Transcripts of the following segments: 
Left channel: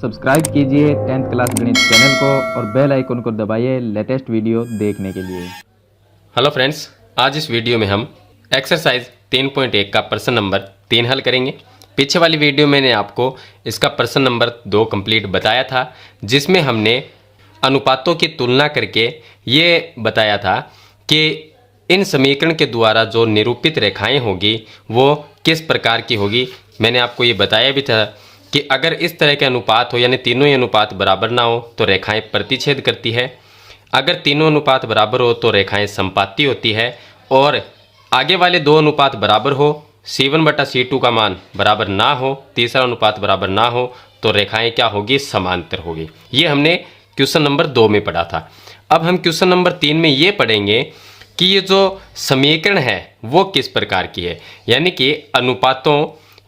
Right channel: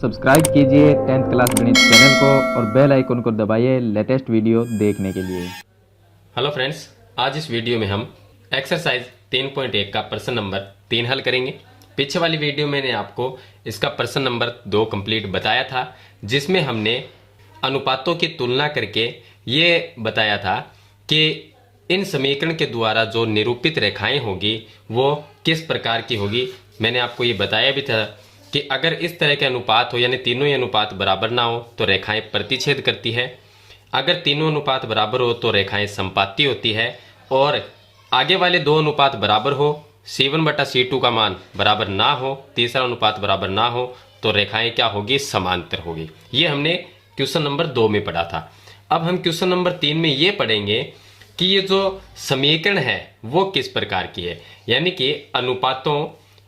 Subscribe कीजिए 10th class गणित channel को और बेल आइकन को दबाइए लेटेस्ट वीडियो देखने के लिए। हेलो फ्रेंड्स, आज इस वीडियो में हम एक्सरसाइज 3.1 का प्रश्न नंबर 3 हल करेंगे। पीछे वाली वीडियो मैंने आपको इसका प्रश्न नंबर 2 कंप्लीट बताया था, जिसमें हमने अनुपातों की तुलना करके ये बताया था कि इन समीकरण के द्वारा जो निरूपित रेखाएं होगी वो किस प्रकार की होगी। मैंने आपको ये बताया भी था कि अगर इस तरह के अनुपात हो, यानी तीनों ही अनुपात बराबर ना हो तो रेखाएं प्रतिच्छेद करती है। अगर तीनों अनुपात बराबर हो तो रेखाएं संपाती होती है, और आगे वाले दो अनुपात बराबर हो, C1 बटा C2 का मान बराबर ना हो, तीसरा अनुपात बराबर ना हो तो रेखाएं क्या होगी, समांतर होगी। ये हमने क्वेश्चन नंबर 2 में पढ़ा था। अब हम क्वेश्चन नंबर 3 में ये पढ़ेंगे कि ये जो समीकरण है वो किस प्रकार की है, यानी कि अनुपातों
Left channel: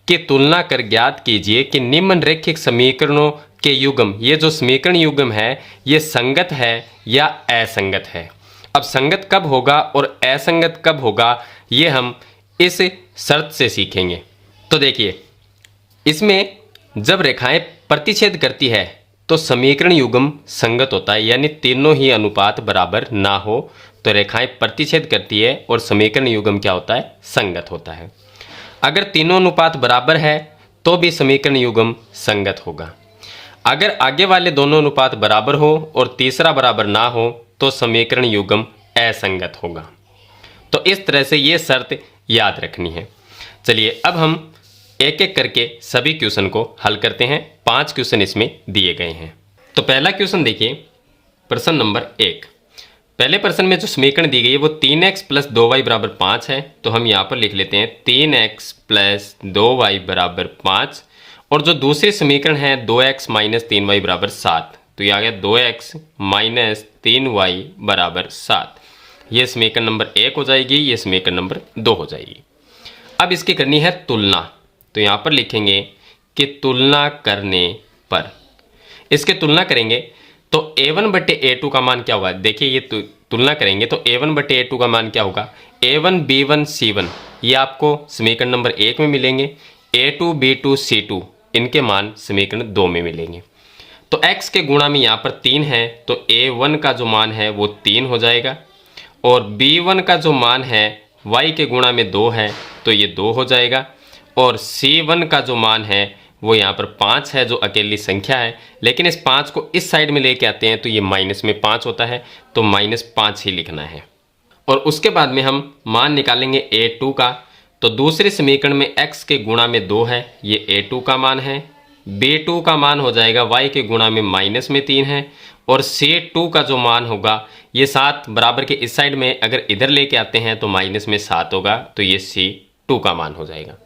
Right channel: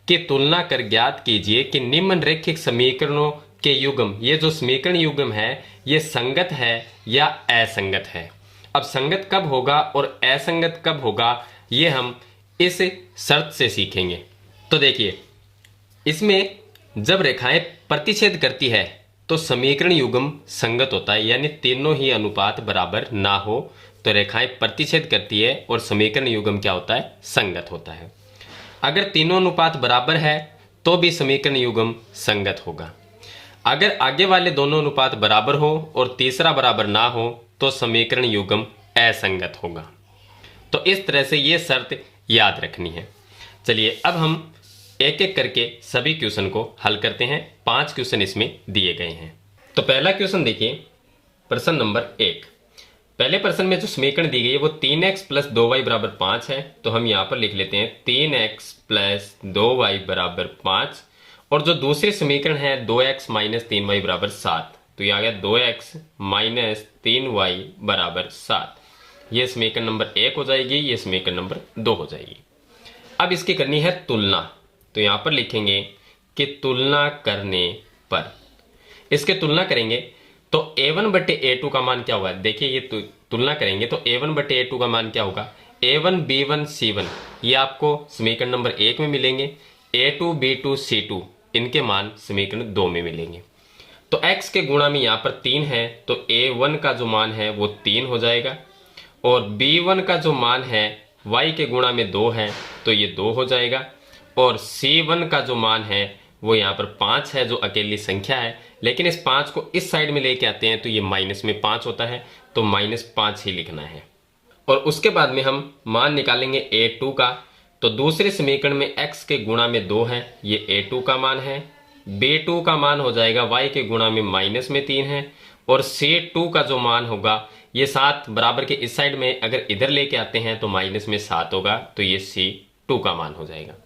की तुलना कर ज्ञात कीजिए कि निम्नलिखित समीकरणों के युग्म, ये जो समीकरण युग्म है ये संगत है या असंगत है। अब संगत कब होगा और असंगत कब होगा ये हम इस शर्त से सीखेंगे। तो देखिए, इसमें जब रेखाएं प्रतिच्छेद करती है तो समीकरण युग्म संगत होता है, यानी तीनों ही अनुपात बराबर ना हो तो रेखाएं प्रतिच्छेद करती है और समीकरण युग्म क्या होता है, संगत होता है। अगर तीनों अनुपात बराबर है तो भी समीकरण युग्म संगत होगा। अगर आगे वाले दोनों अनुपात बराबर हो और तीसरा बराबर ना हो तो समीकरण युग्म असंगत होगा। तो इस तरह से ये शर्त याद रखनी है। चलिए अब हम एक एक करके सभी क्वेश्चन को हल करते हैं। 5 क्वेश्चन इसमें दिए गए हैं। तो पहला क्वेश्चन देखिए, प्रश्न नंबर 1। पहले प्रश्न में जो समीकरण दी गई है वो 3x प्लस 2y बराबर 5 है। तो हम यहाँ पर लिख लेते हैं 3x प्लस 2y बराबर 5, और जो दूसरे समीकरण है 2x माइनस 3y बराबर 7, तो ये आ गया 2x माइनस 3y बराबर 7। ये समीकरण नंबर 1 हो जाएगी, ये समीकरण नंबर 2 हो जाएगी। अब इसकी करनी है तुलना, तो यहाँ पर लिखेंगे कि तुलना करने पर, इसके तुलना करेंगे तो a1 बटे a2 का मान क्या होगा। देखिए ये तुलना करेंगे तो a1 बटे a2 का मान क्या होगा, a1 b1 c1 ये आपको समीकरण नंबर 1 में मिलेंगे, a2 b2 c2 इनके मान समीकरण 2 में मिलेंगे। तो x के गुणा में यहाँ पर 3 है तो a1 का जो मान है वो 3 हो जाएगा, और b1 का जो मान है y के गुणा में 2 है तो ये 2 हो जाएगा, और c1 का जो मान है वो यहाँ पर 5 है जो अकेली संख्या है, लेकिन इस 5 को इस साइड में लेके आते हैं तो ये माइनस में 5 होता है, तो -5 ही लिखना है। और उसके बाद में हम मान निकालेंगे a2 का, तो दूसरे समीकरण में x के गुणा में 2 है, ये a2 का मान है, b2 का मान हो जाएगा y के गुणा में माइनस में 3 है, और c2 का जो मान होगा ये 7 बराबर के इस साइड में अगर इधर लेके आते हैं तो माइनस में 7 होगा, तो ये c2 का मान हो जाएगा।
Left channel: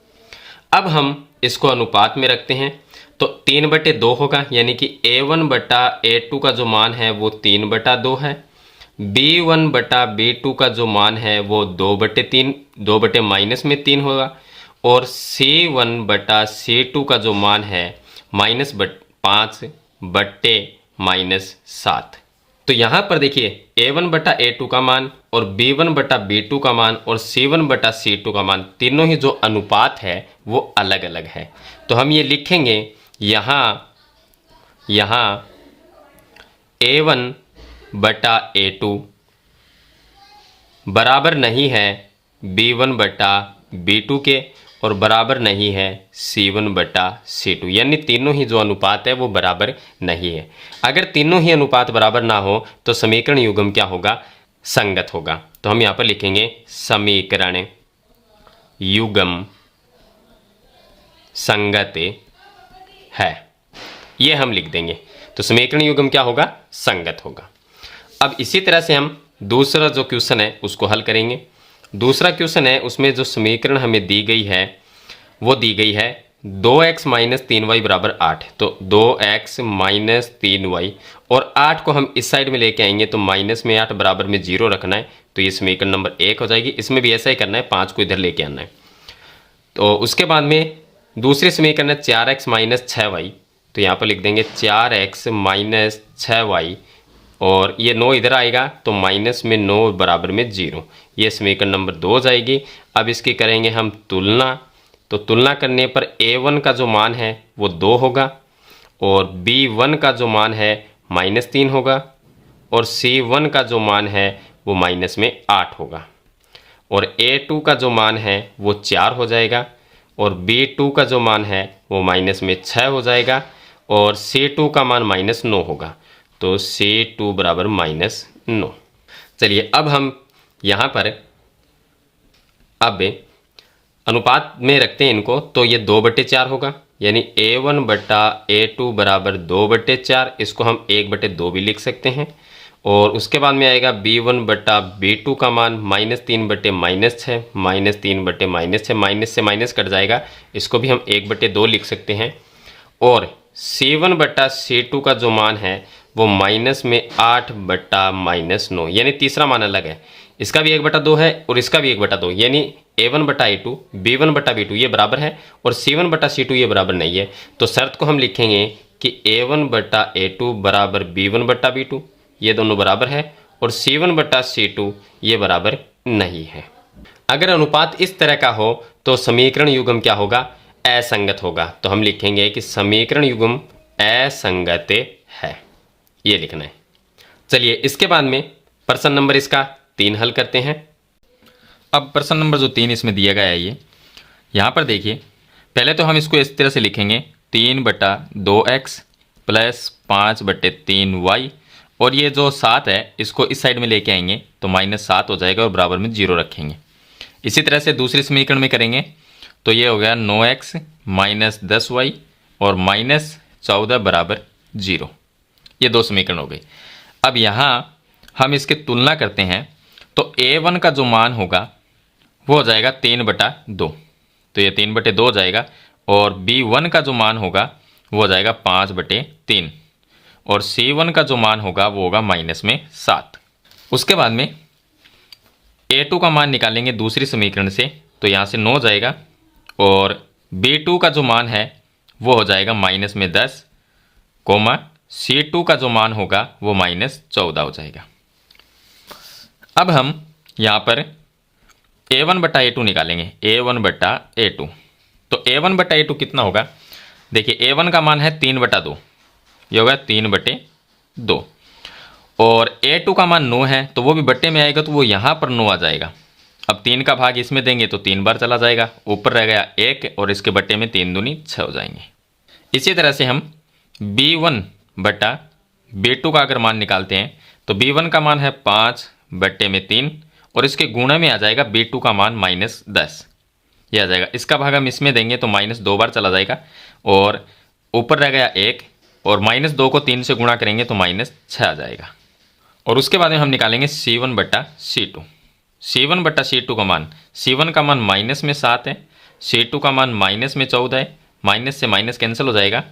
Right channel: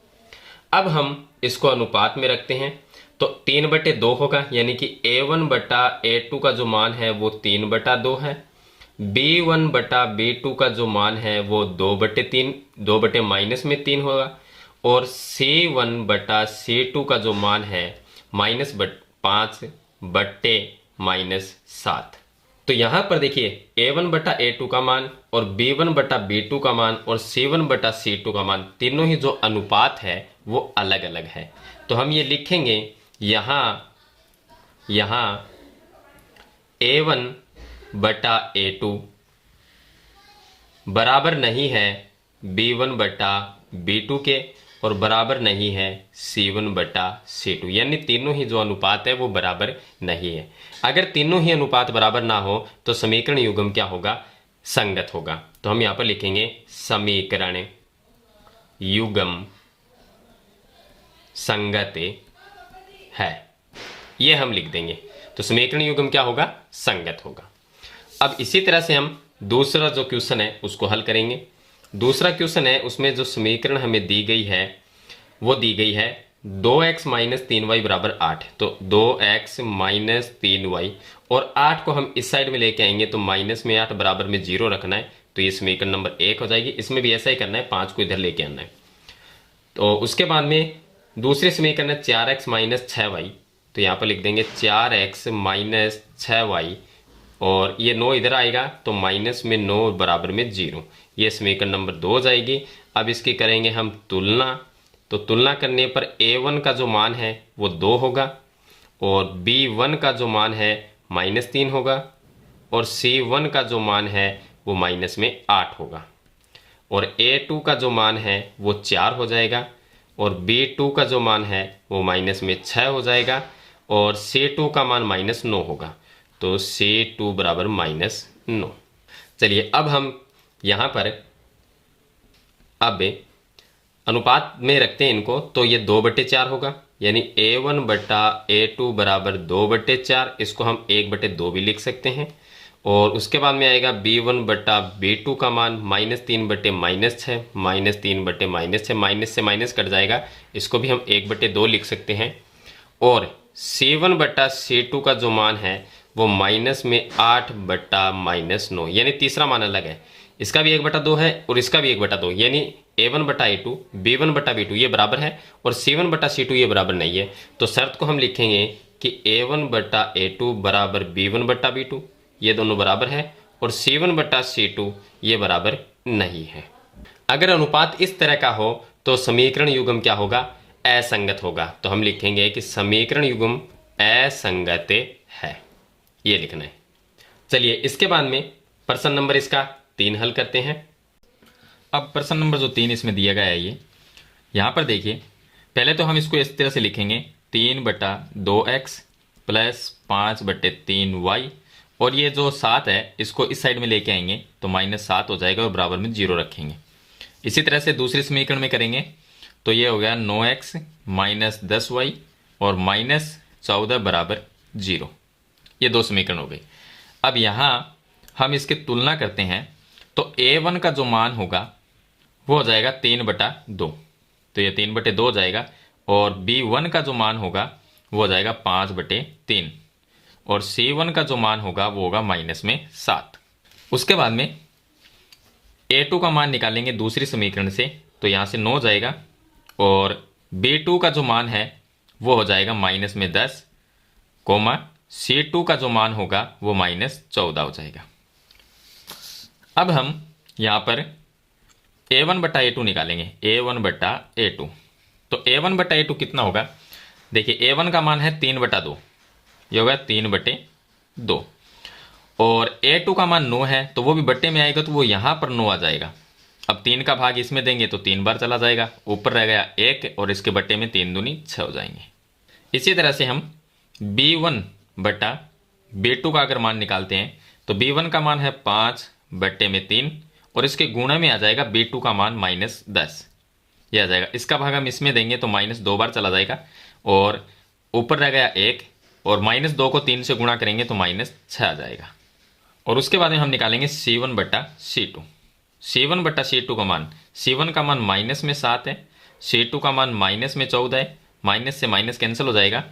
अब हम इसको अनुपात में रखते हैं तो 3 बटे 2 होगा, यानी कि a1 बटा a2 का जो मान है वो 3 बटा 2 है, b1 बटा b2 का जो मान है वो 2 बटे 3, 2 बटे माइनस में 3 होगा, और c1 बटा c2 का जो मान है -5 बटे -7। तो यहाँ पर देखिए a1 बटा a2 का मान और b1 बटा b2 का मान और c1 बटा c2 का मान, तीनों ही जो अनुपात है वो अलग अलग है। तो हम ये लिखेंगे यहाँ a1 बटा a2 बराबर नहीं है b1 बटा b2 के, और बराबर नहीं है c1 बटा c2, यानी तीनों ही जो अनुपात है वो बराबर नहीं है। अगर तीनों ही अनुपात बराबर ना हो तो समीकरण युग्म क्या होगा, संगत होगा। तो हम यहाँ पर लिखेंगे समीकरण युग्म संगत है, ये हम लिख देंगे। तो समीकरण युग्म क्या होगा, संगत होगा। अब इसी तरह से हम दूसरा जो क्वेश्चन है उसको हल करेंगे। दूसरा क्वेश्चन है उसमें जो समीकरण हमें दी गई है वो दी गई है 2x माइनस 3y बराबर 8। तो 2x माइनस 3y, और 8 को हम इस साइड में लेके आएंगे तो माइनस में 8 बराबर में 0 रखना है, तो ये समीकरण नंबर 1 हो जाएगी। इसमें भी ऐसा ही करना है, 5 को इधर लेके आना है। तो उसके बाद में दूसरे समीकरण है 4x माइनस 6y, तो यहाँ पर लिख देंगे 4x माइनस 6y, और ये 9 इधर आएगा तो माइनस में 9 बराबर में 0, ये समीकरण नंबर 2 हो जाएगी। अब इसकी करेंगे हम तुलना, तो तुलना करने पर a1 का जो मान है वो 2 होगा, और B1 का जो मान है -3 होगा और C1 का जो मान है वो माइनस में 8 होगा और A2 का जो मान है वो 4 हो जाएगा और B2 का जो मान है वो माइनस में 6 हो जाएगा और C2 का मान -9 होगा। तो C2 बराबर -9। चलिए अब हम यहाँ पर अब अनुपात में रखते हैं इनको, तो ये 2/4 होगा, यानी A1 बटा A2 बराबर 2/4। इसको हम 1/2 भी लिख सकते हैं। और उसके बाद में आएगा B1 बटा B2 का मान -3 बटे -6, -3 बटे -6, माइनस से माइनस कट जाएगा, इसको भी हम 1/2 लिख सकते हैं। और C1 बटा C2 का जो मान है वो -8 बटा -9, यानी तीसरा मान अलग है, इसका भी 1/2 है और इसका भी 1/2, यानी A1 बटा A2, B1 बटा B2 ये बराबर है और C1 बटा C2 ये बराबर नहीं है। तो शर्त को हम लिखेंगे कि A1 बटा A2 बराबर B1 बटा B2, ये दोनों बराबर है, और C1 बटा C2 ये बराबर नहीं है। अगर अनुपात इस तरह का हो तो समीकरण युग्म क्या होगा? असंगत होगा। तो हम लिखेंगे कि समीकरण युग्म असंगत है, ये लिखना है। चलिए इसके बाद में प्रश्न नंबर इसका 3 हल करते हैं। अब प्रश्न नंबर जो 3 इसमें दिया गया है, ये यहाँ पर देखिए, पहले तो हम इसको इस तरह से लिखेंगे 3/2x प्लस 5/3y, और ये जो 7 है इसको इस साइड में लेके आएंगे तो -7 हो जाएगा और बराबर में 0 रखेंगे। इसी तरह से दूसरे समीकरण में करेंगे तो ये हो गया 9x - 10y और -14 बराबर 0। ये 2 समीकरण हो गए। अब यहाँ हम इसकी तुलना करते हैं तो A1 का जो मान होगा वो हो जाएगा 3/2, तो ये 3/2 हो जाएगा, और B1 का जो मान होगा वो हो जाएगा 5/3, और C1 का जो मान होगा वो होगा -7। उसके बाद में A2 का मान निकालेंगे दूसरी समीकरण से, तो यहाँ से 9 हो जाएगा, और B2 का जो मान है वो हो जाएगा -10, C2 का जो मान होगा वो -14 हो जाएगा। अब हम यहाँ पर A1 बटा A2 निकालेंगे, A1 बटा A2। तो A1 बटा A2 कितना होगा? देखिए A1 का मान है 3/2, ये होगा 3/2, और A2 का मान 9 है तो वो भी बट्टे में आएगा, तो वो यहाँ पर 9 आ जाएगा। अब 3 का भाग इसमें देंगे तो 3 बार चला जाएगा, ऊपर रह गया 1 और इसके बट्टे में 3 दूनी 6 हो जाएंगे। इसी तरह से हम B1 बटा B2 का अगर मान निकालते हैं तो B1 का मान है 5/3 और इसके गुणा में आ जाएगा B2 का मान -10, ये आ जाएगा। इसका भाग हम इसमें देंगे तो -2 बार चला जाएगा और ऊपर रह गया 1, और -2 को 3 से गुणा करेंगे तो -6 आ जाएगा। और उसके बाद में हम निकालेंगे C1 बटा C2। C1 बटा C2 का मान, C1 का मान -7 है, C2 का मान -14 है, माइनस से माइनस कैंसिल हो जाएगा,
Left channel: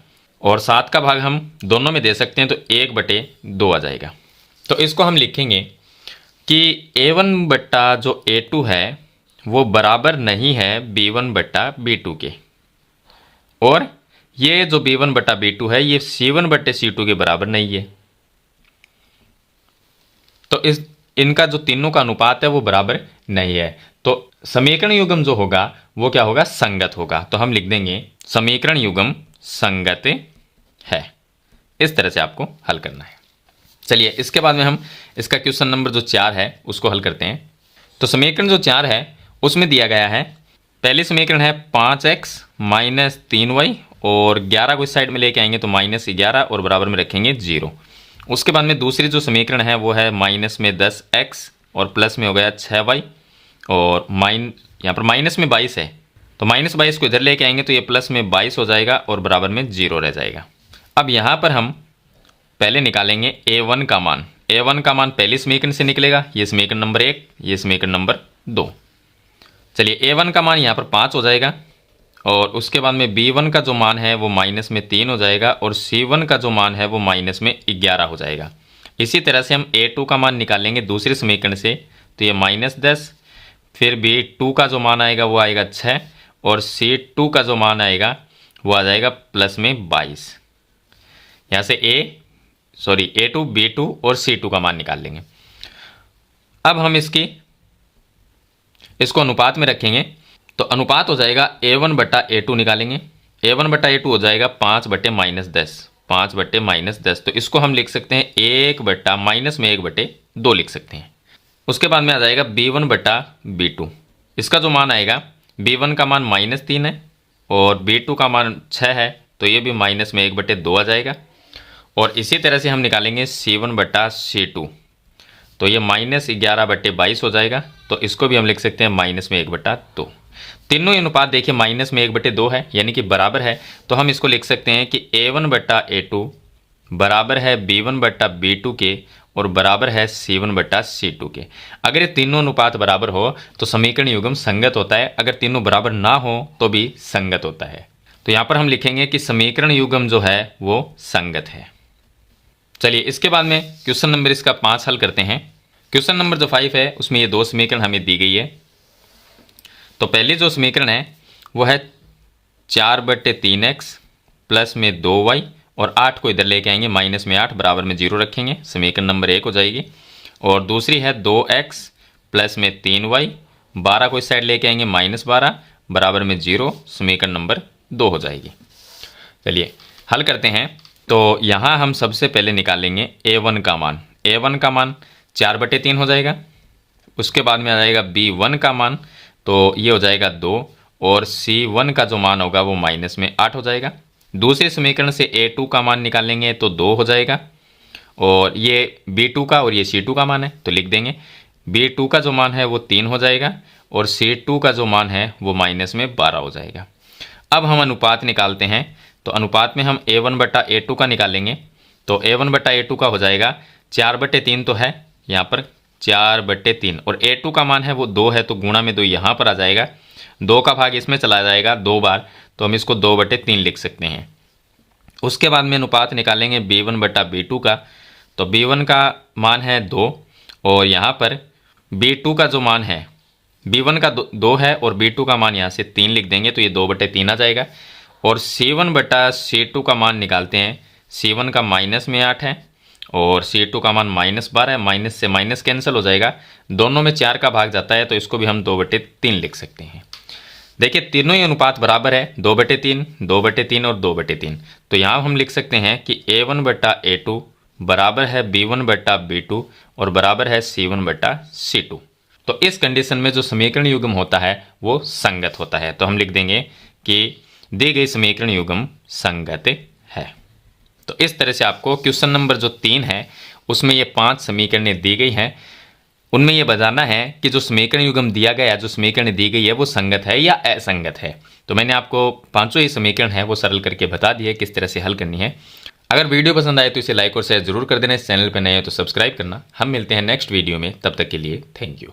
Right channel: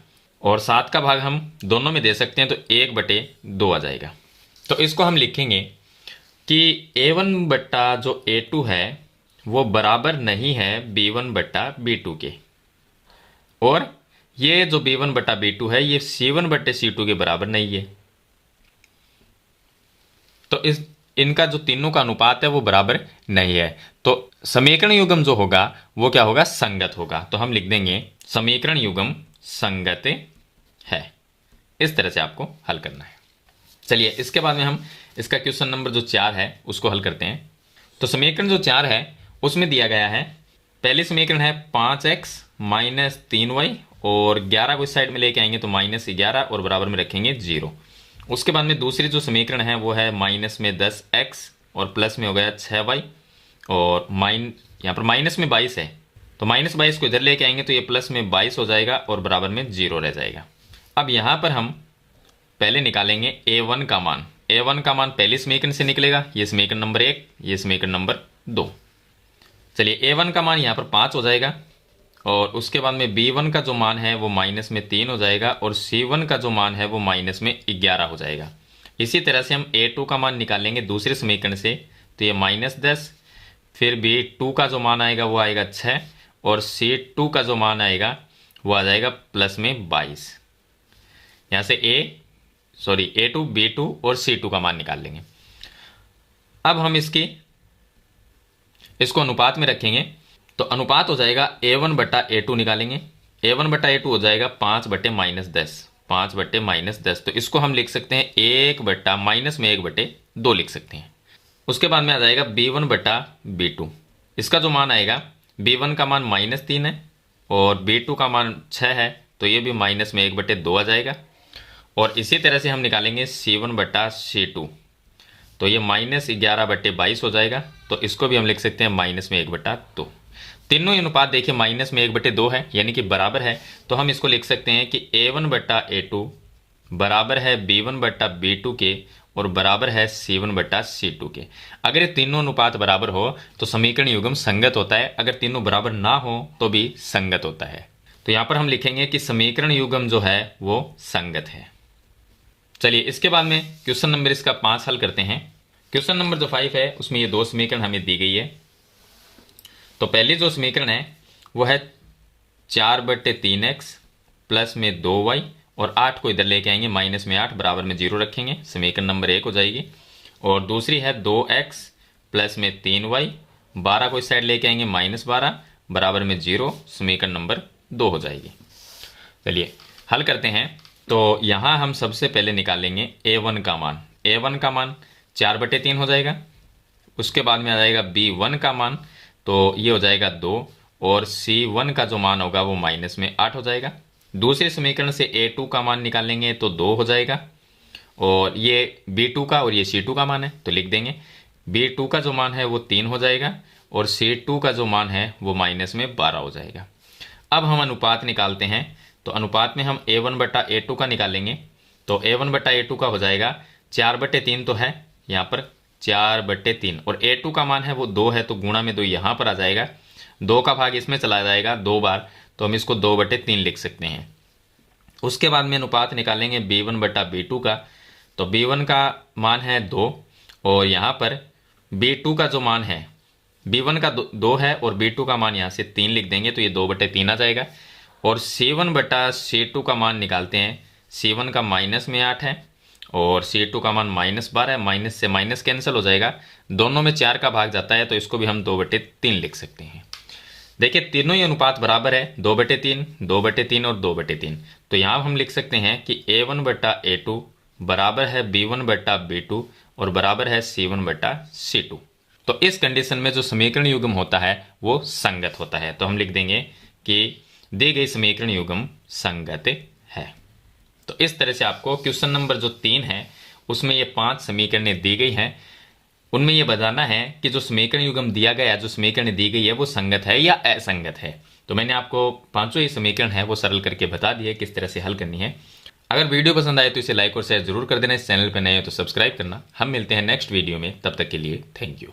और 7 का भाग हम दोनों में दे सकते हैं तो 1/2 आ जाएगा। तो इसको हम लिखेंगे कि A1 बटा जो A2 है वो बराबर नहीं है B1 बटा B2 के, और ये जो B1 बटा B2 है ये C1 बटे C2 के बराबर नहीं है। तो इनका जो तीनों का अनुपात है वो बराबर नहीं है, तो समीकरण युग्म जो होगा वो क्या होगा? संगत होगा। तो हम लिख देंगे समीकरण युग्म संगत है। इस तरह से आपको हल करना है। चलिए इसके बाद में हम इसका क्वेश्चन नंबर जो 4 है उसको हल करते हैं। तो समीकरण जो 4 है उसमें दिया गया है, पहली समीकरण है 5x - 3y, और 11 को इस साइड में लेके आएंगे तो -11 और बराबर में रखेंगे 0। उसके बाद में दूसरी जो समीकरण है वो है -10x और प्लस में हो गया 6y, और यहाँ पर -22 है तो -22 को इधर लेके आएंगे तो ये प्लस में 22 हो जाएगा और बराबर में 0 रह जाएगा। अब यहाँ पर हम पहले निकालेंगे A1 का मान। A1 का मान पहली समीकरण से निकलेगा, ये समीकरण नंबर 1, ये समीकरण नंबर 2। चलिए A1 का मान यहाँ पर 5 हो जाएगा, और उसके बाद में B1 का जो मान है वो -3 हो जाएगा, और C1 का जो मान है वो -11 हो जाएगा। इसी तरह से हम A2 का मान निकालेंगे दूसरे समीकरण से, तो ये -10, फिर B2 का जो मान आएगा वो आएगा 6, और C2 का जो मान आएगा वो आ जाएगा प्लस में 22। यहाँ से A2, B2 और C2 का मान निकाल लेंगे। अब हम इसको अनुपात में रखेंगे, तो अनुपात हो जाएगा A1 बटा A2 निकालेंगे, A1 बटा A2 हो जाएगा 5/-10, 5/-10, तो इसको हम लिख सकते हैं 1/, माइनस में 1/2 लिख सकते हैं। उसके बाद में आ जाएगा b1/b2। इसका जो मान आएगा, b1 का मान -3 है और b2 का मान 6 है, तो ये भी माइनस में 1/2 आ जाएगा। और इसी तरह से हम निकालेंगे c1/c2, तो ये -11/22 हो जाएगा, तो इसको भी हम लिख सकते हैं माइनस में 1/2। तीनों ही अनुपात देखिए माइनस में 1/2 है, यानी कि बराबर है, तो हम इसको लिख सकते हैं कि a1/a2 बराबर है b1/b2 के और बराबर है c1/c2 के। अगर ये तीनों अनुपात बराबर हो तो समीकरण युग्म संगत होता है, अगर तीनों बराबर ना हो तो भी संगत होता है। तो यहाँ पर हम लिखेंगे कि समीकरण युग्म जो है वो संगत है। चलिए इसके बाद में क्वेश्चन नंबर इसका 5 हल करते हैं। क्वेश्चन नंबर जो 5 है उसमें ये 2 समीकरण हमें दी गई है। तो पहली जो समीकरण है वो है 4/3x प्लस में 2y और 8 को इधर लेके आएंगे, माइनस में 8 बराबर में 0 रखेंगे, समीकरण नंबर 1 हो जाएगी। और दूसरी है 2x प्लस में 3y, 12 को इस साइड लेके आएंगे, -12 बराबर में 0, समीकरण नंबर 2 हो जाएगी। चलिए हल करते हैं। तो यहाँ हम सबसे पहले निकालेंगे a1 का मान। a1 का मान 4/3 हो जाएगा। उसके बाद में आ जाएगा b1 का मान, तो ये हो जाएगा 2, और c1 का जो मान होगा वो माइनस में 8 हो जाएगा। दूसरे समीकरण से a2 का मान निकालेंगे तो 2 हो जाएगा, और ये b2 का और ये c2 का मान है तो लिख देंगे। b2 का जो मान है वो 3 हो जाएगा और c2 का जो मान है वो माइनस में 12 हो जाएगा। अब हम अनुपात निकालते हैं, तो अनुपात में हम a1/a2 का निकालेंगे, तो a1/a2 का हो जाएगा 4/3 तो है यहाँ पर 4/3, और a2 का मान है वो 2 है, तो गुणा में 2 यहाँ पर आ जाएगा, 2 का भाग इसमें चला जाएगा 2 बार, तो हम इसको 2/3 लिख सकते हैं। उसके बाद में अनुपात निकालेंगे b1/b2 का, तो b1 का मान है 2 और यहाँ पर b2 का जो मान है, b1 का 2 है और b2 का मान यहाँ से 3 लिख देंगे, तो ये 2/3 आ जाएगा। और c1/c2 का मान निकालते हैं, c1 का माइनस में 8 है और c2 का मान -12 है, माइनस से माइनस कैंसिल हो जाएगा, दोनों में 4 का भाग जाता है, तो इसको भी हम 2/3 लिख सकते हैं। देखिए तीनों ही अनुपात बराबर है, 2/3, 2/3 और 2/3, तो यहाँ हम लिख सकते हैं कि a1/a2 बराबर है b1/b2 और बराबर है c1/c2। तो इस कंडीशन में जो समीकरण युग्म होता है वो संगत होता है, तो हम लिख देंगे कि दी गई समीकरण युग्म संगत है। तो इस तरह से आपको क्वेश्चन नंबर जो 3 है उसमें ये 5 समीकरणें दी गई हैं, उनमें ये बताना है कि जो समीकरण युग्म दिया गया, जो समीकरण दी गई है वो संगत है या असंगत है। तो मैंने आपको 5 ही समीकरण है वो सरल करके बता दिए किस तरह से हल करनी है। अगर वीडियो पसंद आए तो इसे लाइक और शेयर जरूर कर देना, इस चैनल पर नए हो तो सब्सक्राइब करना। हम मिलते हैं नेक्स्ट वीडियो में, तब तक के लिए थैंक यू।